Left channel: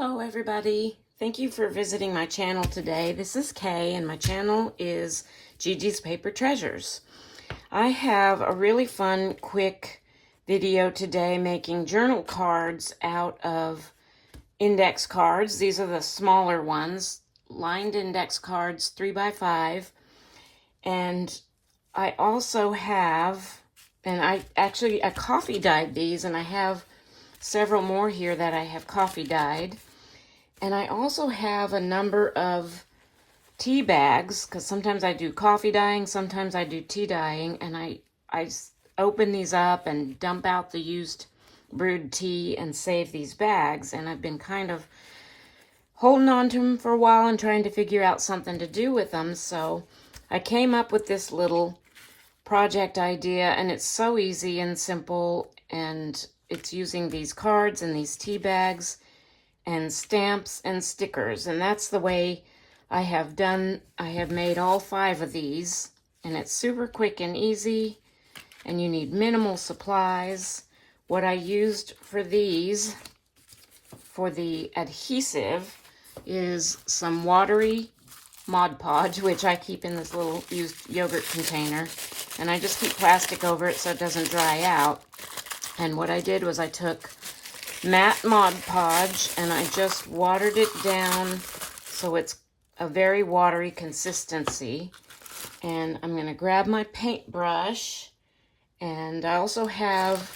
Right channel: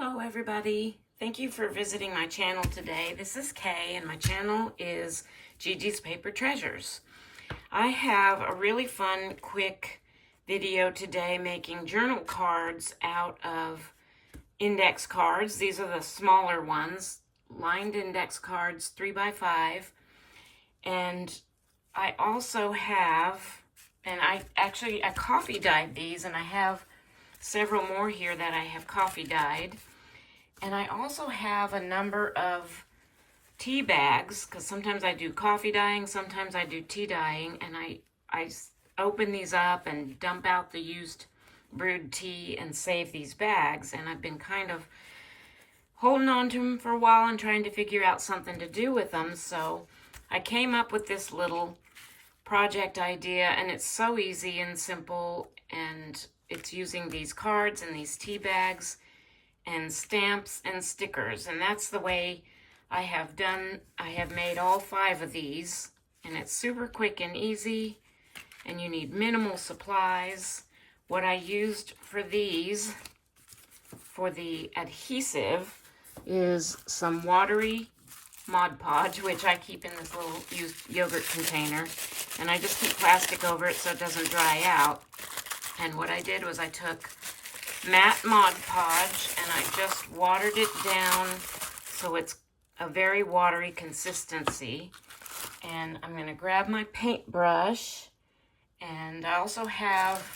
Hello everybody. Thank you for visiting my channel today. This is Kay and my channel is Gigi's Paper Treasures. I have a really fun, quick video today making journal cards out of index cards. These are the smaller ones, lined index cards, 3x5. And I also have, I coffee dyed these, and I have several more here that I have coffee dyed. And I also have a number of tea bags, because sometimes I do coffee dyeing, sometimes I do tea dyeing, and I open these up and dump out the used brewed tea and save these bags. And I've been kind of holding on to them for a while and trying to figure out something to do with them. So I came up with this little project idea, and it's so easy and simple, and it's using these cards and these tea bags and stamps and stickers. And that's the way I have made all 5 of these, and it's super quick and easy, and you need minimal supplies. What I used for these, for the adhesive, is some watery Mod Podge, which I keep in this little used yogurt container, and I just keep plastic over it so it doesn't dry out. And what I did was I took matte Mod Podge and I just watered it down so it's a very watery consistency. And I'm going to grab my paintbrush, and I also have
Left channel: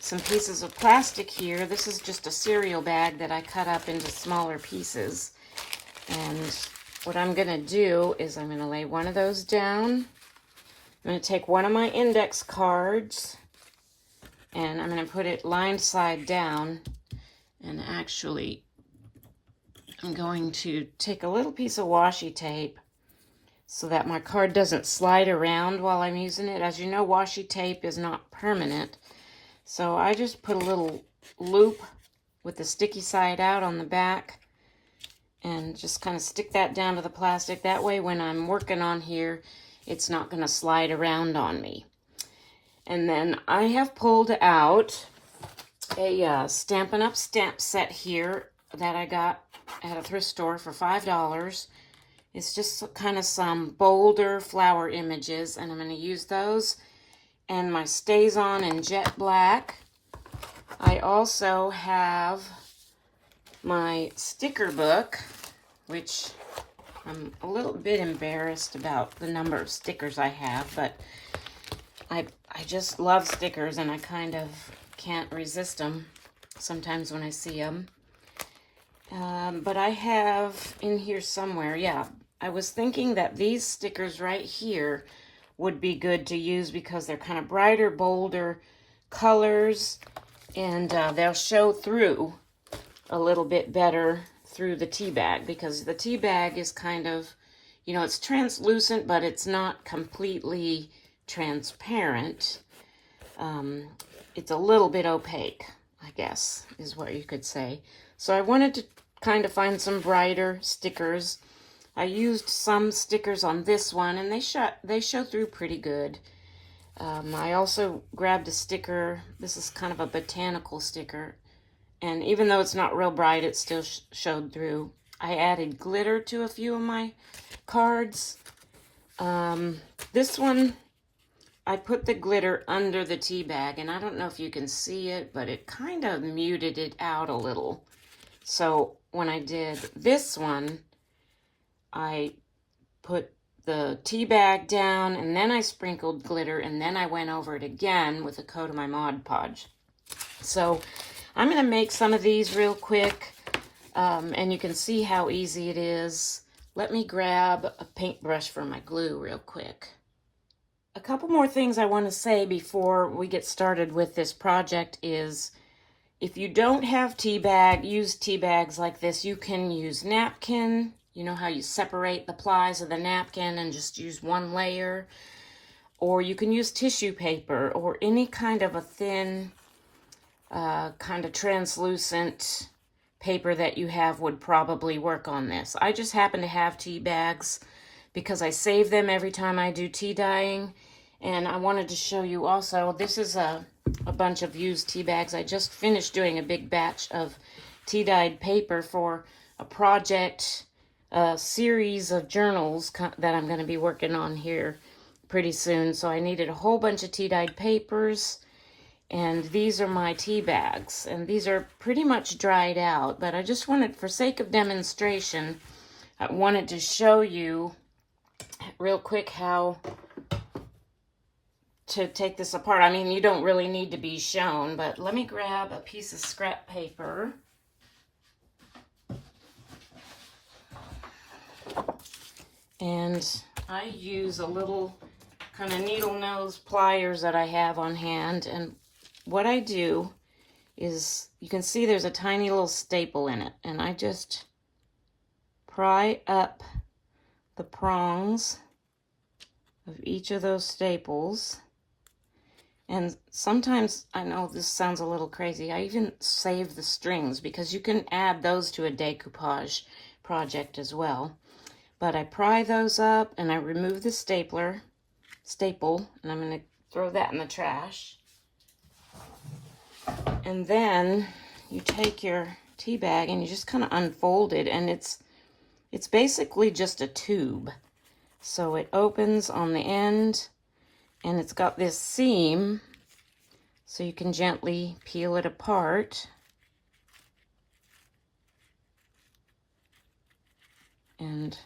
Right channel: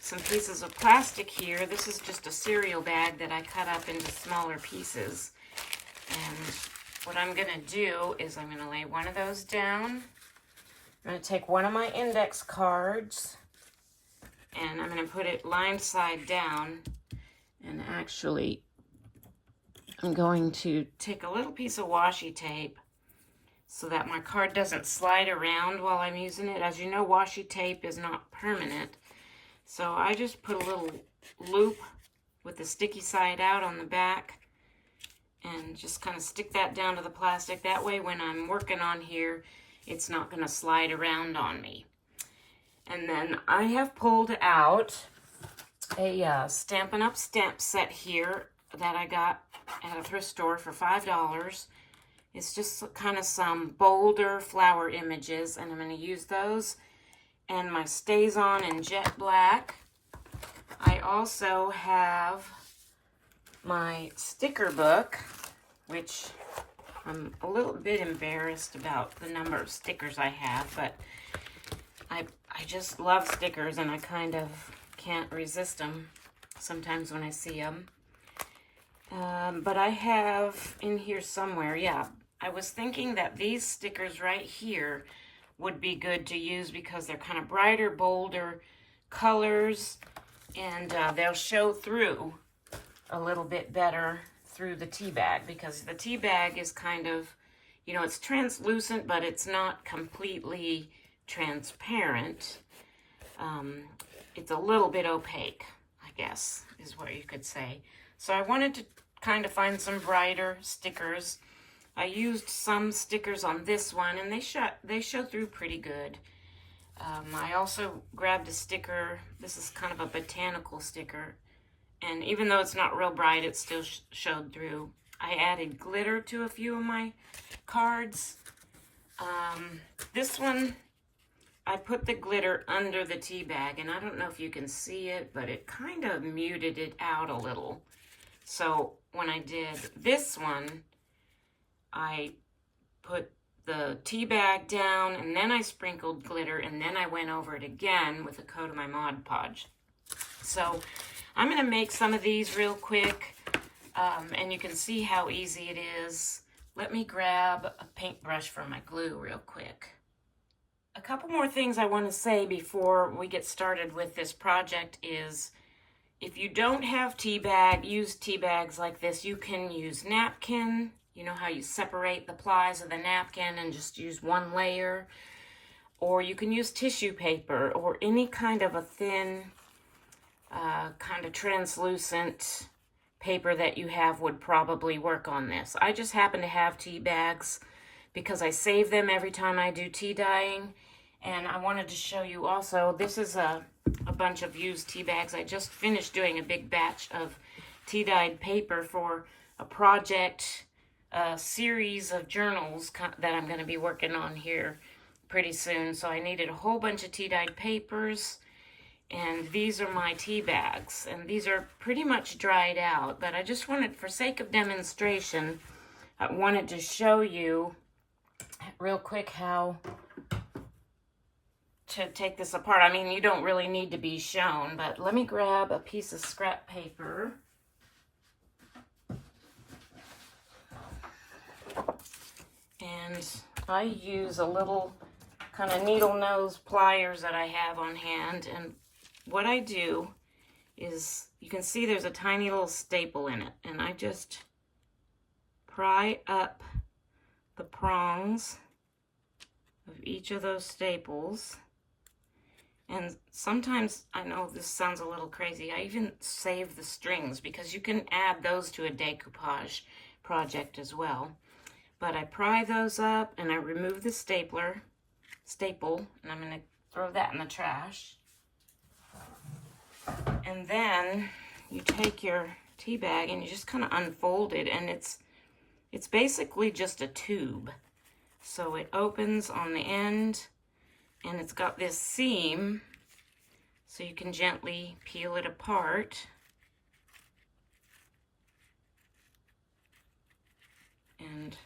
some pieces of plastic here. This is just a cereal bag that I cut up into smaller pieces. And what I'm going to do is I'm going to lay one of those down. I'm going to take one of my index cards, and I'm going to put it lined side down, and actually I'm going to take a little piece of washi tape so that my card doesn't slide around while I'm using it. As you know, washi tape is not permanent, so I just put a little loop with the sticky side out on the back and just kind of stick that down to the plastic. That way when I'm working on here, it's not going to slide around on me. And then I have pulled out a Stampin' Up! Stamp set here that I got at a thrift store for $5. It's just kind of some bolder flower images, and I'm going to use those. And my StazOn in Jet Black. I also have my sticker book, which I'm a little bit embarrassed about the number of stickers I have, but I just love stickers, and I kind of can't resist them sometimes when I see them. But I have in here somewhere, yeah, I was thinking that these stickers right here would be good to use because they're kind of brighter, bolder colors, and they'll show through a little bit better through the tea bag, because the tea bag is kind of, you know, it's translucent, but it's not completely transparent. It's a little bit opaque, I guess, is what you could say. So I wanted to kind of find some brighter stickers. I used some stickers on this one, and they show through pretty good. I also grabbed a sticker. This is kind of a botanical sticker, and even though it's not real bright, it still showed through. I added glitter to a few of my cards. This one, I put the glitter under the tea bag, and I don't know if you can see it, but it kind of muted it out a little. So when I did this one, I put the tea bag down, and then I sprinkled glitter, and then I went over it again with a coat of my Mod Podge. So I'm going to make some of these real quick, and you can see how easy it is. Let me grab a paintbrush for my glue real quick. A couple more things I want to say before we get started with this project is, if you don't have used tea bags like this, you can use napkin. You know how you separate the plies of the napkin and just use one layer? Or you can use tissue paper, or any kind of a thin, kind of translucent paper that you have would probably work on this. I just happen to have tea bags because I save them every time I do tea dyeing. And I wanted to show you also, this is a bunch of used tea bags. I just finished doing a big batch of tea-dyed paper for a project, a series of journals that I'm going to be working on here pretty soon. So I needed a whole bunch of tea-dyed papers, and these are my tea bags, and these are pretty much dried out, but I just wanted, for sake of demonstration, I wanted to show you real quick how to take this apart. I mean, you don't really need to be shown, but let me grab a piece of scrap paper. And I use a little kind of needle nose pliers that I have on hand, and what I do is, you can see there's a tiny little staple in it, and I just pry up the prongs of each of those staples. And sometimes, I know this sounds a little crazy, I even save the strings, because you can add those to a decoupage project as well. But I pry those up and I remove the staple, and I'm going to throw that in the trash. And then you take your tea bag and you just kind of unfold it, and it's basically just a tube. So it opens on the end, and it's got this seam, so you can gently peel it apart. And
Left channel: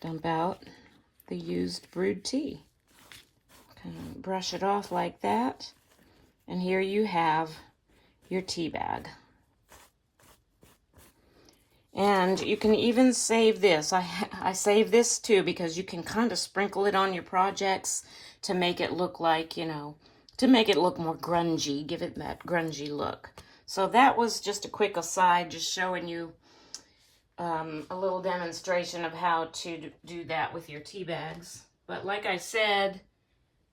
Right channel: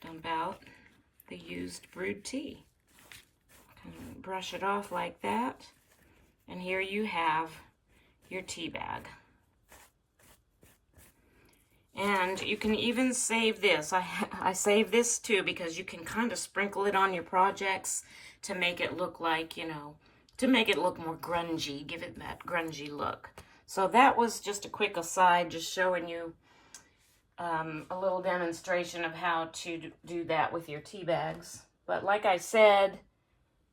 dump out the used brewed tea. Kind of brush it off like that. And here you have your tea bag. And you can even save this. I save this too, because you can kind of sprinkle it on your projects to make it look like, you know, to make it look more grungy, give it that grungy look. So that was just a quick aside, just showing you a little demonstration of how to do that with your tea bags. But like I said,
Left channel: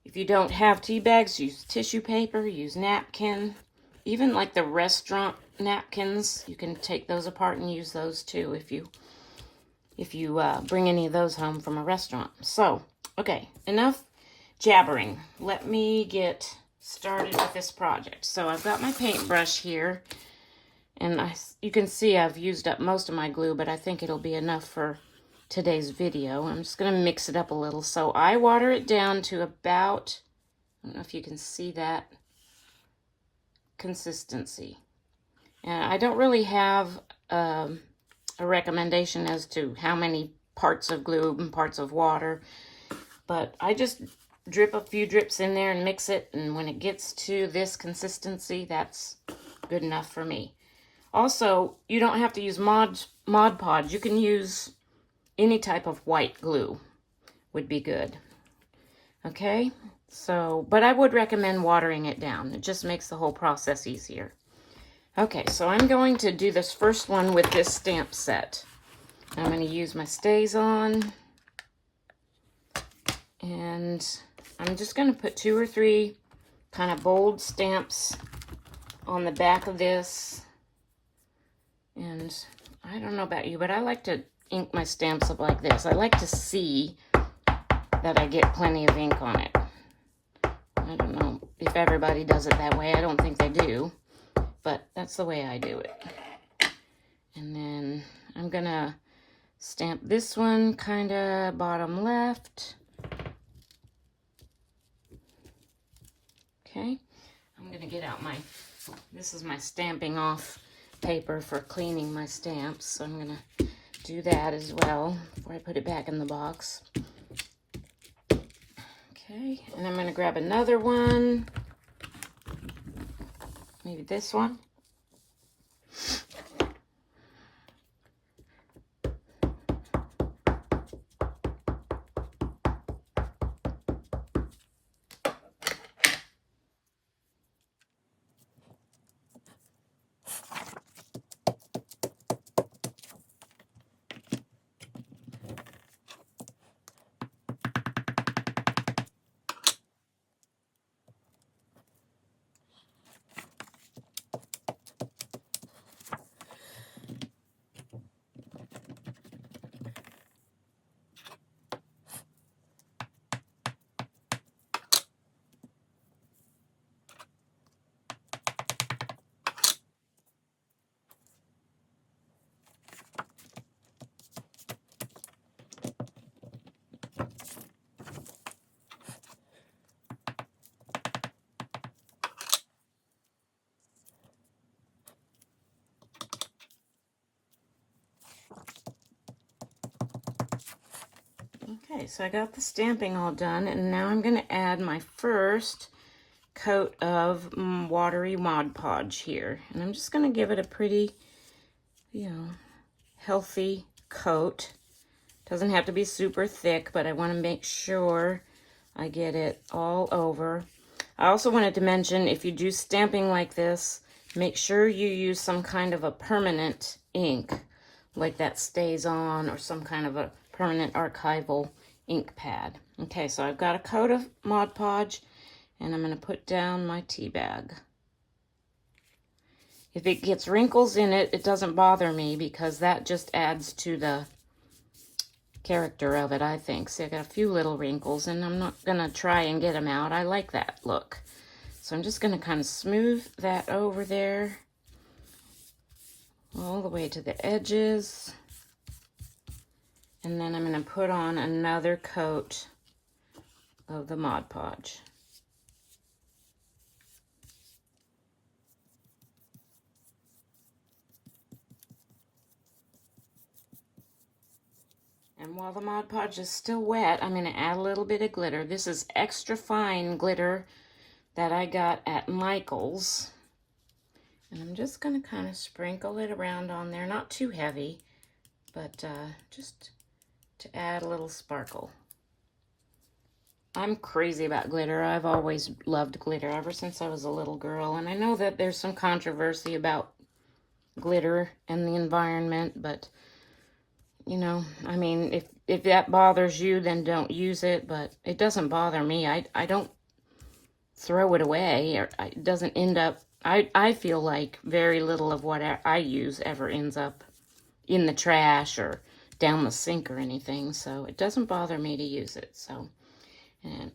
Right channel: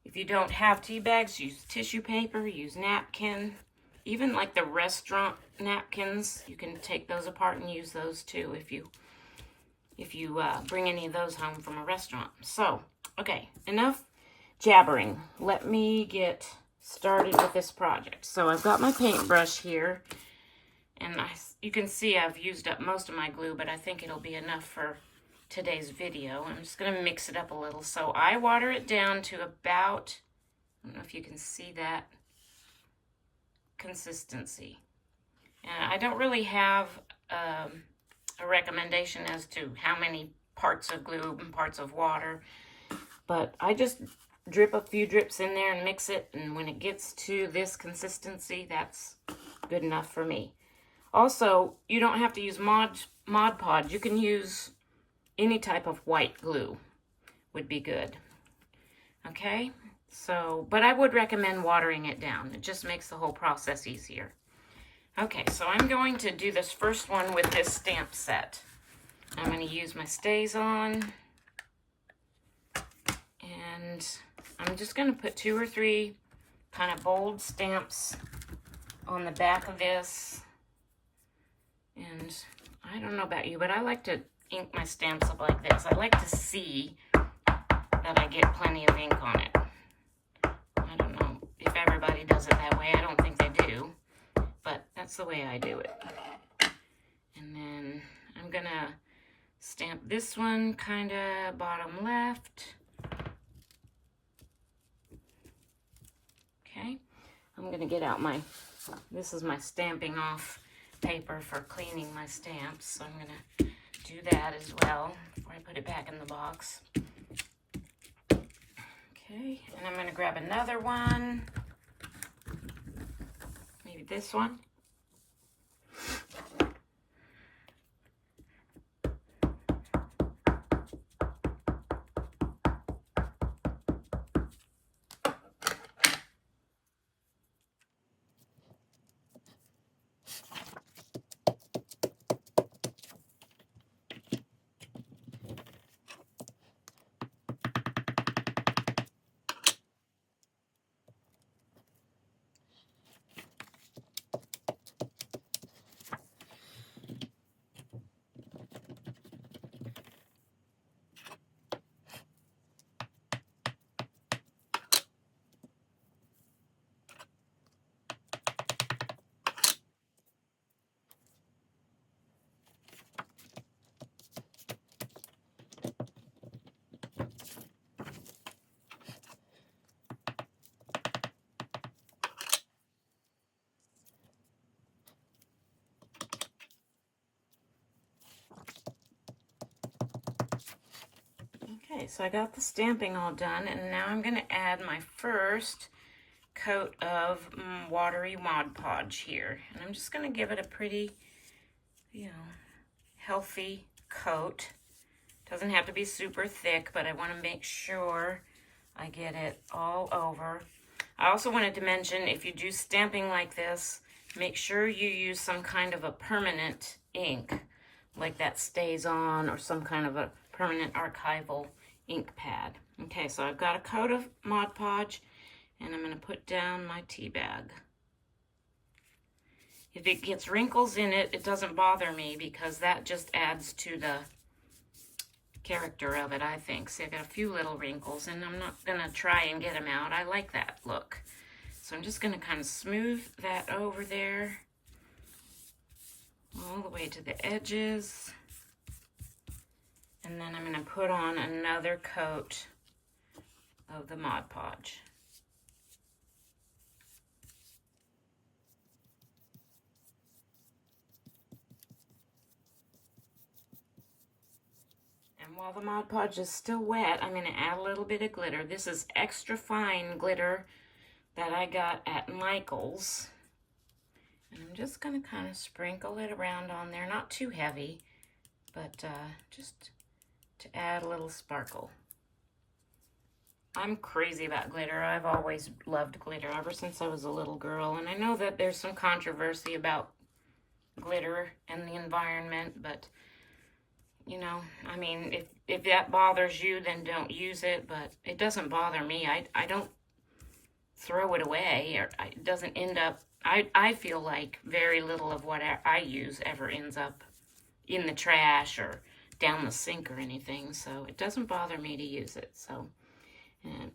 if you don't have tea bags, use tissue paper, use napkin. Even like the restaurant napkins, you can take those apart and use those too if you bring any of those home from a restaurant. So, okay, enough jabbering. Let me get started with this project. So I've got my paintbrush here, and you can see I've used up most of my glue, but I think it'll be enough for today's video. I'm just going to mix it up a little. So I water it down to about, I don't know if you can see that consistency. And I don't really have a recommendation as to how many parts of glue and parts of water, but I just drip a few drips in there and mix it, and when it gets to this consistency, that's good enough for me. Also, you don't have to use Mod Podge. You can use any type of white glue would be good. Okay, so, but I would recommend watering it down. It just makes the whole process easier. Okay, so I'm going to do this first one with this stamp set. I'm going to use my StazOn, and I'm just going to put 2 or 3 kind of bold stamps on the back of this. And I don't know about you, but I like to ink my stamps up like this. I like to see that I get plenty of ink on it. I don't know if everybody does it that way. I don't think they do, but that's the way I do it. And then I'm gonna stamp this one kind of bottom left. Okay, I'm gonna get out this is my stamping off paper for cleaning my stamps, so I'm gonna do that as well before I put it back in the box. Okay, and I'm going to grab another one, maybe this one. Okay, so I got the stamping all done, and now I'm going to add my first coat of watery Mod Podge here. And I'm just going to give it a pretty, healthy coat. Doesn't have to be super thick, but I want to make sure I get it all over. I also wanted to mention, if you do stamping like this, make sure you use some kind of a permanent ink, like that Stays On, or some kind of a permanent archival ink pad. Okay, so I've got a coat of Mod Podge, and I'm going to put down my tea bag. If it gets wrinkles in it, it doesn't bother me, because that just adds to the character of it, I think. See, I got a few little wrinkles, and I'm not going to try and get them out. I like that look. So I'm just going to kind of smooth that over there all the way to the edges. And then I'm going to put on another coat of the Mod Podge. And while the Mod Podge is still wet, I'm going to add a little bit of glitter. This is extra fine glitter that I got at Michael's. And I'm just going to kind of sprinkle it around on there. Not too heavy, but just to add a little sparkle. I'm crazy about glitter. I've always loved glitter ever since I was a little girl. And I know that there's some controversy about glitter and the environment, but I mean, if that bothers you, then don't use it, but it doesn't bother me. I don't throw it away, or it doesn't end up, I feel like very little of what I use ever ends up in the trash or down the sink or anything, so it doesn't bother me to use it. So, and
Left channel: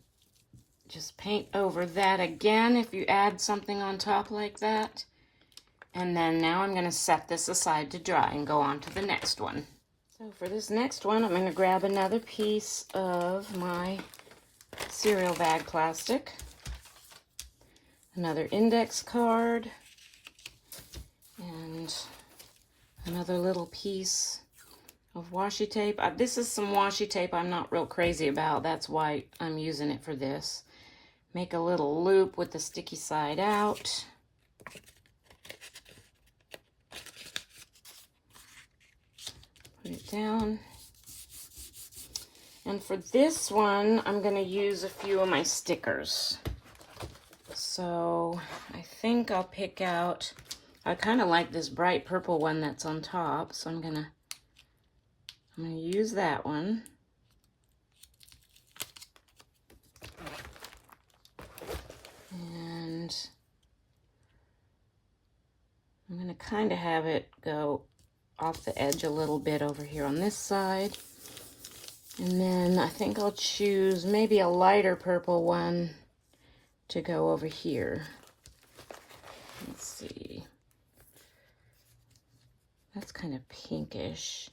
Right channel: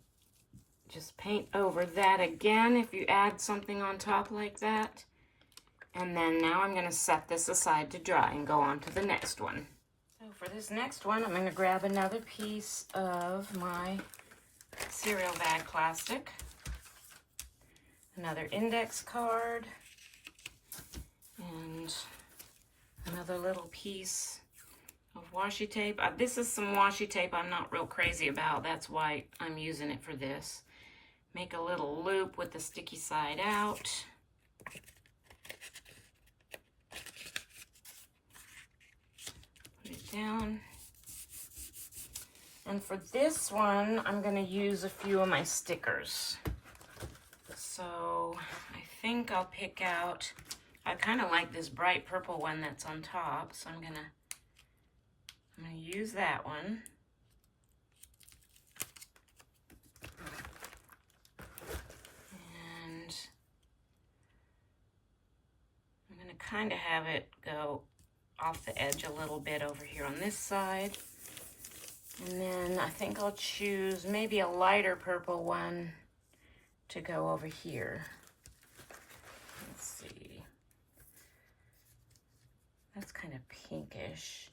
just paint over that again if you add something on top like that. And then now I'm going to set this aside to dry and go on to the next one. So for this next one, I'm going to grab another piece of my cereal bag plastic, another index card, and another little piece of washi tape. This is some washi tape I'm not real crazy about. That's why I'm using it for this. Make a little loop with the sticky side out. Put it down. And for this one, I'm going to use a few of my stickers. So I think I'll pick out, I kind of like this bright purple one that's on top, so I'm gonna use that one. And I'm gonna kind of have it go off the edge a little bit over here on this side. And then I think I'll choose maybe a lighter purple one to go over here. Let's see. That's kind of pinkish.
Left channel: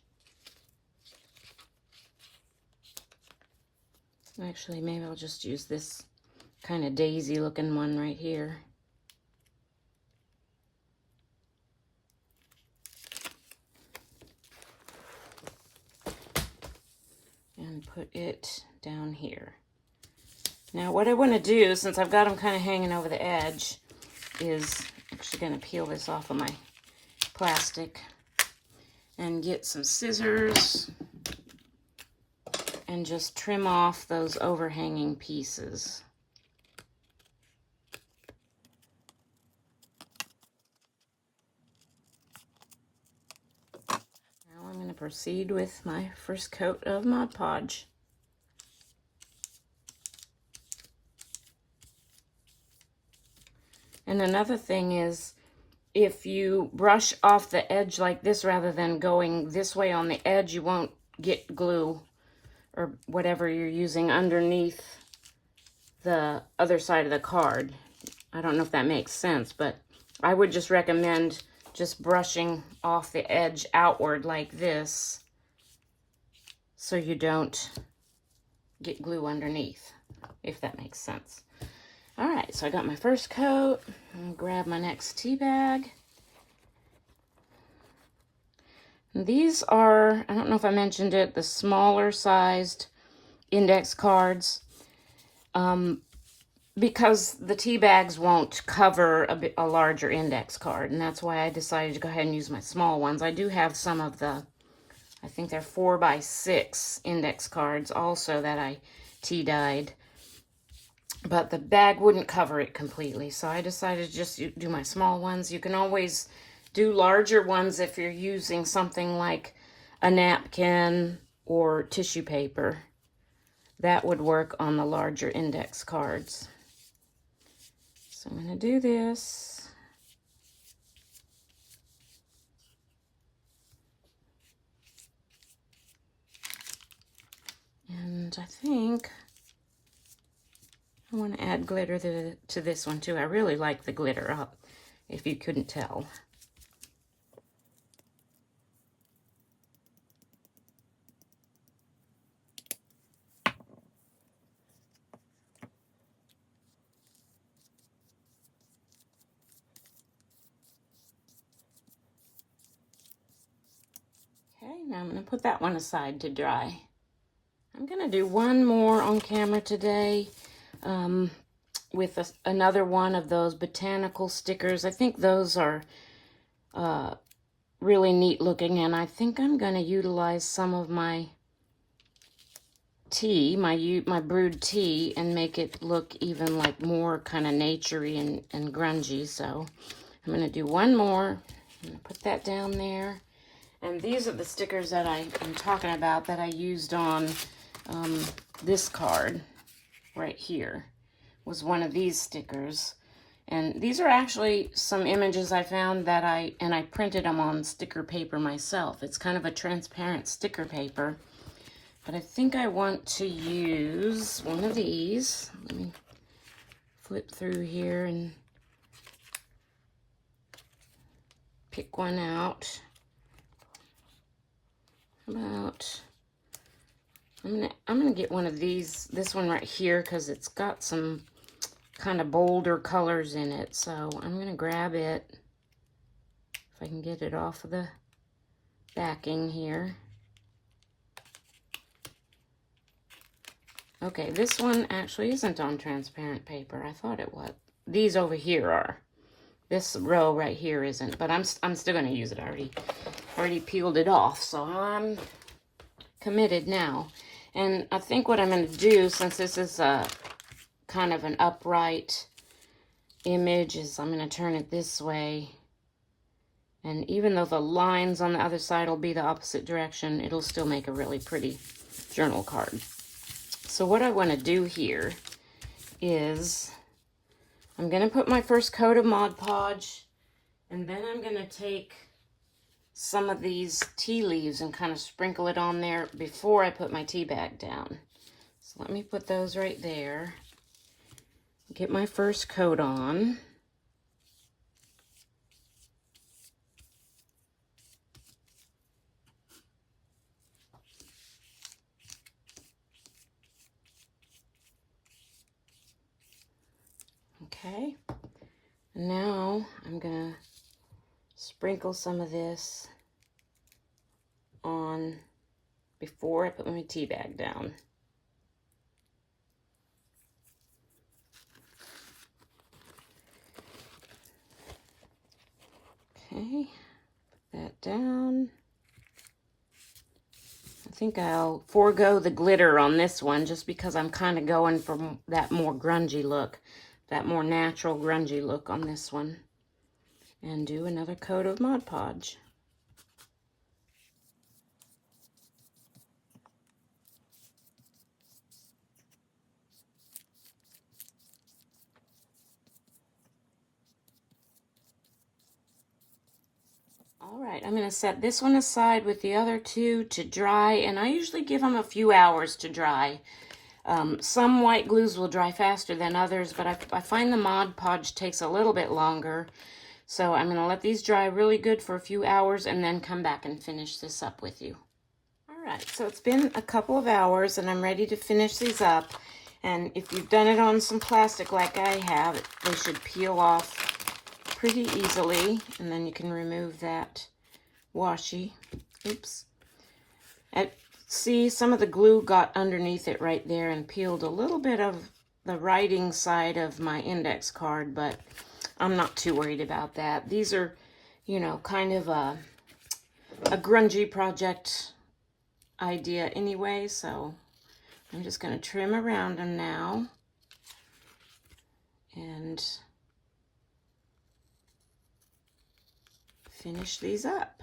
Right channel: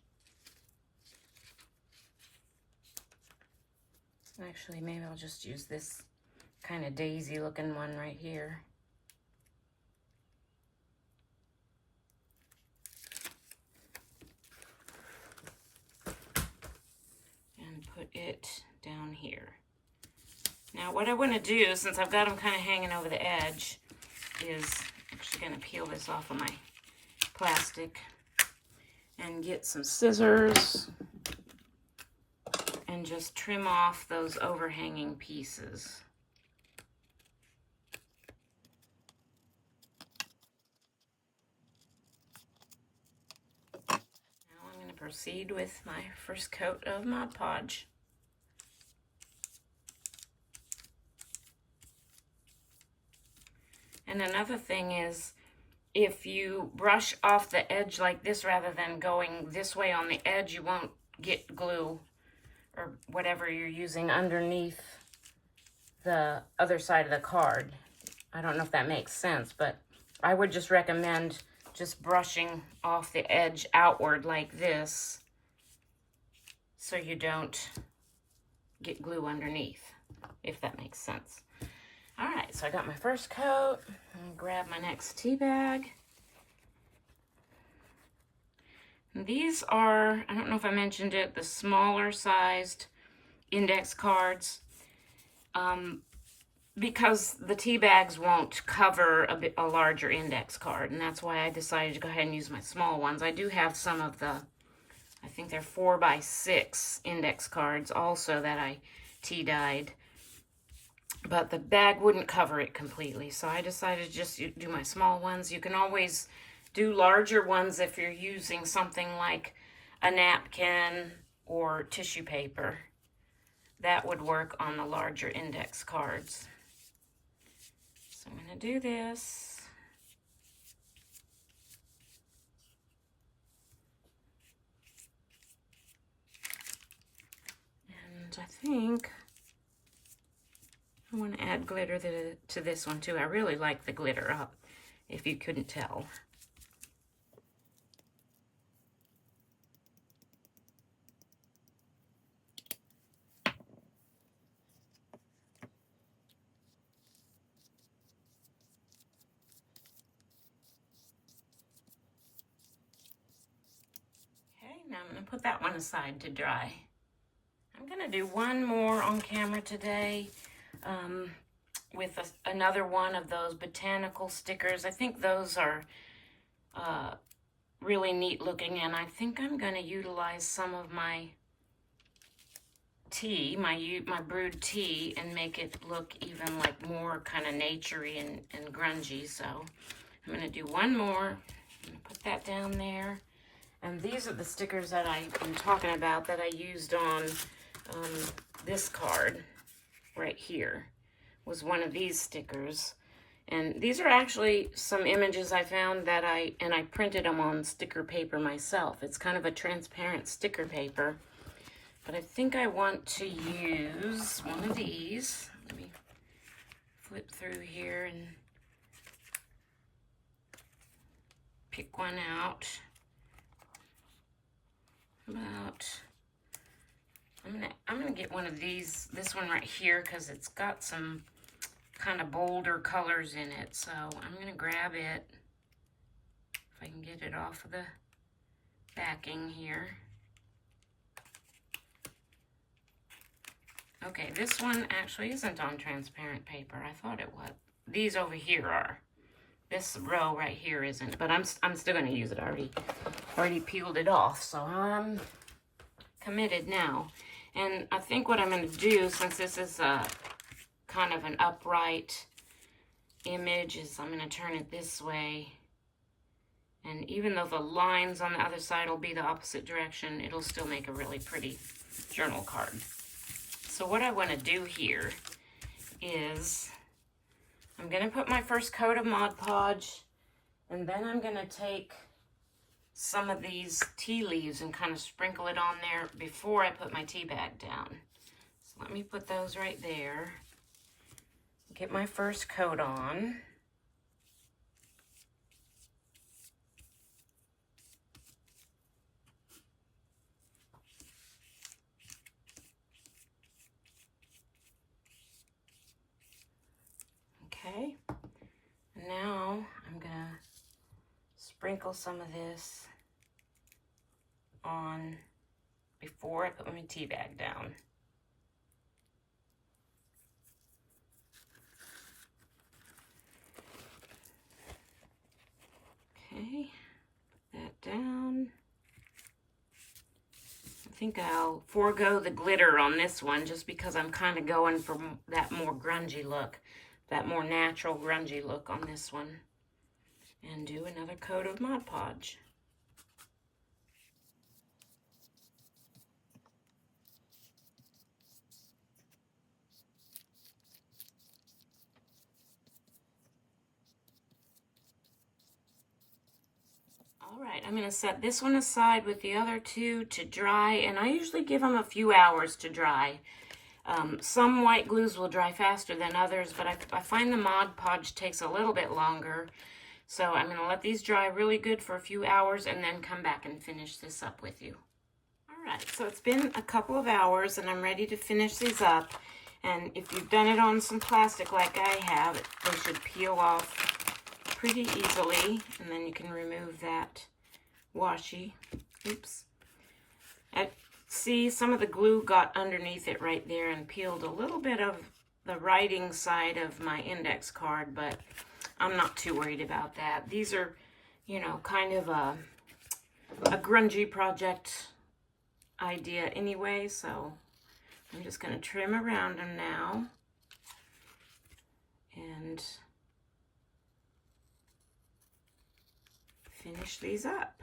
Actually, maybe I'll just use this kind of daisy looking one right here. And put it down here. Now what I want to do, since I've got them kind of hanging over the edge, is actually going to peel this off of my plastic and get some scissors and just trim off those overhanging pieces. Now I'm going to proceed with my first coat of Mod Podge. And another thing is, if you brush off the edge like this rather than going this way on the edge, you won't get glue or whatever you're using underneath the other side of the card. I don't know if that makes sense, but I would just recommend just brushing off the edge outward like this so you don't get glue underneath, if that makes sense. All right, so I got my first coat. I'm gonna grab my next tea bag. And these are, I don't know if I mentioned it, the smaller sized index cards. Because the tea bags won't cover a larger index card, and that's why I decided to go ahead and use my small ones. I do have some of the, I think they're 4x6 index cards also that I tea dyed, but the bag wouldn't cover it completely, so I decided to just do my small ones. You can always do larger ones if you're using something like a napkin or tissue paper. That would work on the larger index cards. So I'm going to do this. And I think I want to add glitter to this one too. I really like the glitter up, if you couldn't tell. Okay, now I'm going to put that one aside to dry. I'm going to do one more on camera today with another one of those botanical stickers. I think those are really neat looking, and I think I'm going to utilize some of my tea, my brewed tea, and make it look even like more kind of naturey and grungy. So I'm going to do one more. I'm going to put that down there. And these are the stickers that I'm talking about that I used on this card right here. Was one of these stickers. And these are actually some images I found that I printed them on sticker paper myself. It's kind of a transparent sticker paper. But I think I want to use one of these. Let me flip through here and pick one out. I'm gonna get one of these, this one right here, because it's got some kind of bolder colors in it. So I'm gonna grab it, if I can get it off of the backing here. Okay, this one actually isn't on transparent paper. I thought it was. These over here are. This row right here isn't, but I'm still gonna use it. I already peeled it off, so I'm committed now. And I think what I'm going to do, since this is a kind of an upright image, is I'm going to turn it this way. And even though the lines on the other side will be the opposite direction, it'll still make a really pretty journal card. So what I want to do here is I'm going to put my first coat of Mod Podge, and then I'm going to take some of these tea leaves and kind of sprinkle it on there before I put my tea bag down. So let me put those right there. Get my first coat on. Okay. Now I'm gonna sprinkle some of this on before I put my tea bag down. Okay, put that down. I think I'll forego the glitter on this one just because I'm kind of going for that more grungy look, that more natural grungy look on this one. And do another coat of Mod Podge. All right, I'm going to set this one aside with the other two to dry, and I usually give them a few hours to dry. Some white glues will dry faster than others, but I find the Mod Podge takes a little bit longer. So I'm going to let these dry really good for a few hours and then come back and finish this up with you. All right, so it's been a couple of hours and I'm ready to finish these up. And if you've done it on some plastic like I have, they should peel off pretty easily. And then you can remove that washi. Oops. see some of the glue got underneath it right there and peeled a little bit of the writing side of my index card, but I'm not too worried about that. These are, you know, kind of a grungy project idea anyway, so I'm just going to trim around them now and finish these up.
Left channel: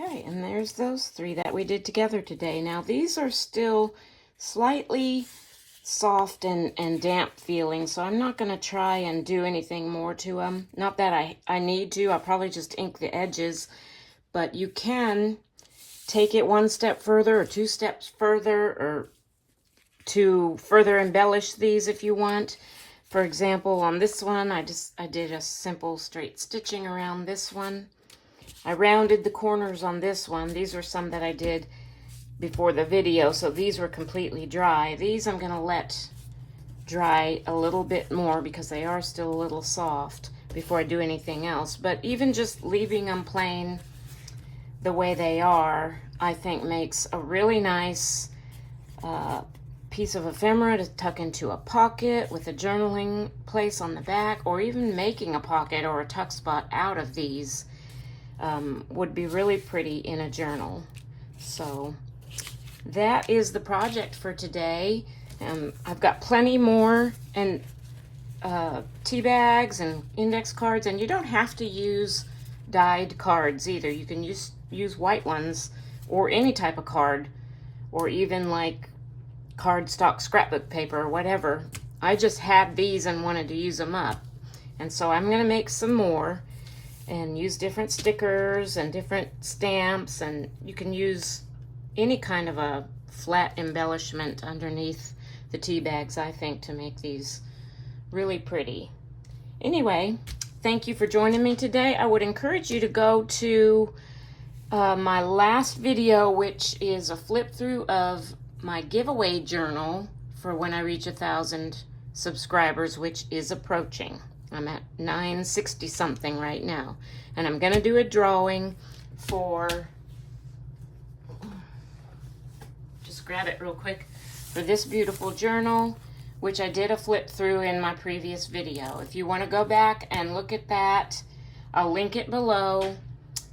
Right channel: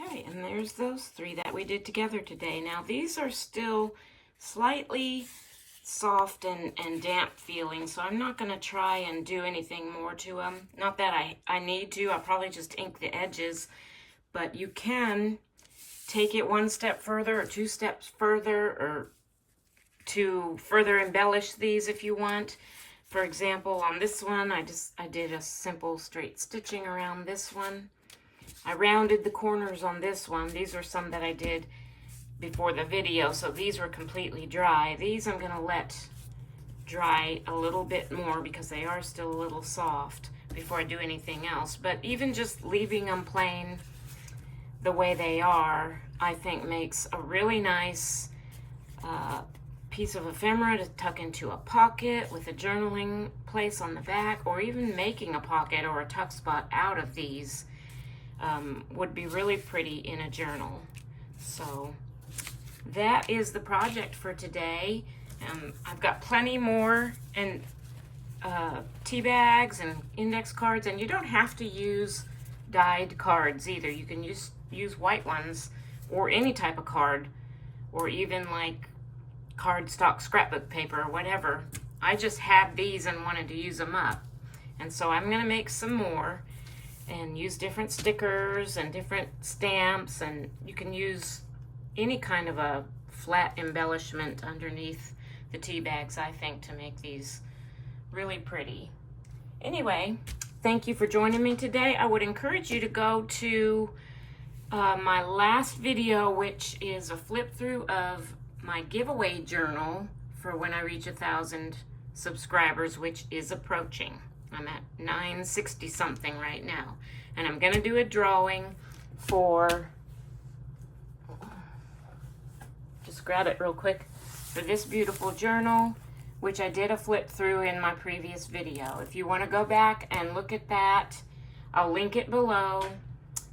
Okay, and there's those three that we did together today. Now these are still slightly soft and damp feeling, so I'm not going to try and do anything more to them. Not that I need to. I'll probably just ink the edges, but you can take it one step further or two steps further, or to further embellish these if you want. For example, on this one, I did a simple straight stitching around this one. I rounded the corners on this one. These are some that I did before the video, so these were completely dry. These I'm going to let dry a little bit more because they are still a little soft before I do anything else. But even just leaving them plain the way they are, I think makes a really nice piece of ephemera to tuck into a pocket with a journaling place on the back, or even making a pocket or a tuck spot out of these would be really pretty in a journal. So that is the project for today. I've got plenty more, and tea bags and index cards, and you don't have to use dyed cards either. You can use white ones or any type of card, or even like cardstock scrapbook paper or whatever. I just had these and wanted to use them up, and so I'm going to make some more and use different stickers and different stamps, and you can use any kind of a flat embellishment underneath the tea bags, I think, to make these really pretty. Anyway, thank you for joining me today. I would encourage you to go to my last video, which is a flip through of my giveaway journal for when I reach 1,000 subscribers, which is approaching. I'm at 960 something right now, and I'm going to do a drawing for, just grab it real quick, for this beautiful journal, which I did a flip through in my previous video. If you want to go back and look at that, I'll link it below.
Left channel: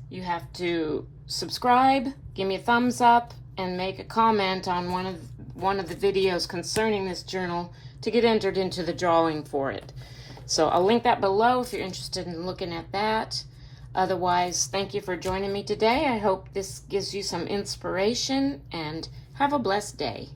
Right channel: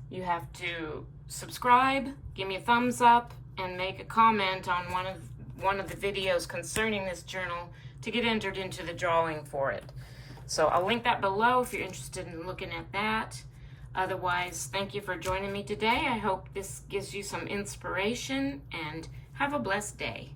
You have to subscribe, give me a thumbs up, and make a comment on one of the videos concerning this journal to get entered into the drawing for it. So I'll link that below if you're interested in looking at that. Otherwise, thank you for joining me today. I hope this gives you some inspiration, and have a blessed day.